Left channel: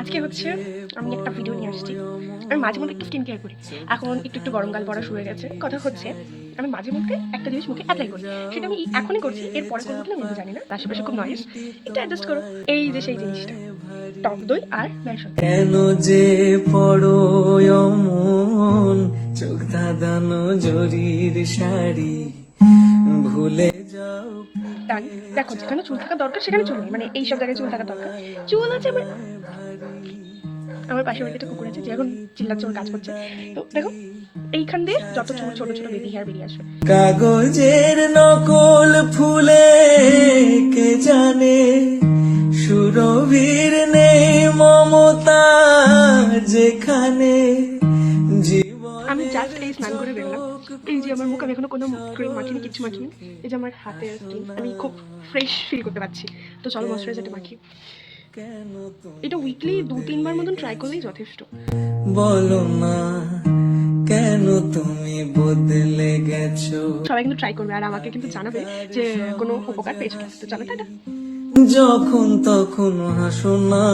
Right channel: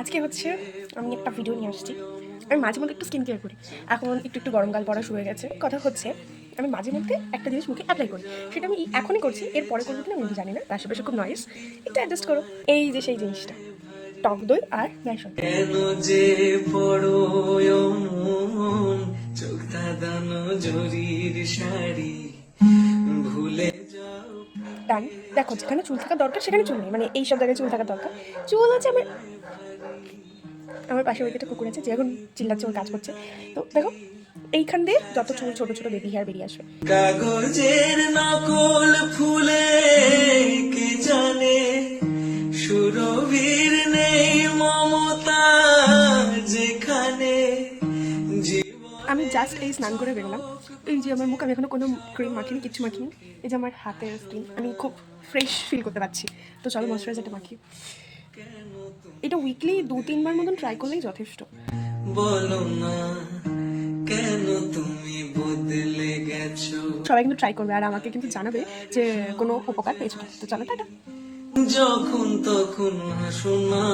আজকে হচ্ছে আমি একটা ভিডিও নিয়ে আসছি। আমি মাঝে মধ্যে একটু স্কিন কেয়ার করি। এখন একটু গরমকাল পড়া শুরু হয়ে গেছে। কথা হচ্ছে আমি মাঝে মধ্যে একটা জিনিস মুখে অ্যাপ্লাই করি। সেটা আমি এখনই করছি, এরপরে করবো কিনা আমি কিন্তু জানি না। তার আশেপাশে খুব নয়েজ, একটু অ্যাডজাস্ট করো। এই যে সেই জিনিসটা, টক দই আর বেসন। কেন যে পড়ো অমন চোখ ধাঁধানো জরির শাড়ি ভুলে যাও। ডান। দেখো, যেখানে চুল থাকা দরকার সেখানে চুল নেই, মানে এইসব জায়গায় চুল থাকা দরকার। চুল আছে আমার। আমার পাশে বাড়িতে একটা কুকুর আছে যে এখন চিল্লাচ্ছে, ওর কাজ করছে। তো দেখো, এইখান দিয়ে যত চুল ছোট ছোট বেবি হেয়ার বেরিয়ে আসবে। কাগজের নকল ফুলে কে জানে সুরভির নেই মমতা যেখানে আমি জাস্ট এই স্নান করে বেরোলাম। এই যে আমার মুখ, আমি এখনো কোনো ক্রিম মাখিনি, কিচ্ছু মাখিনি। এই যে আমার হাতের স্কিন, আমি খুব ফ্রেশ ফিল করতে পারছি। তো চলো ময়শ্চারাইজারটা মাখি। এটা উইকলি 2-3 বার মতন ট্রাই করলেই যথেষ্ট। বলো না কেন তুমি বদলে গেছো। সবাই কিন্তু ট্রাই করবে আর আমাকে কিন্তু জানাবে যে কোনো উপকার পেয়েছো কিনা। তো চলো টাটা। যখন তখন হাসো না।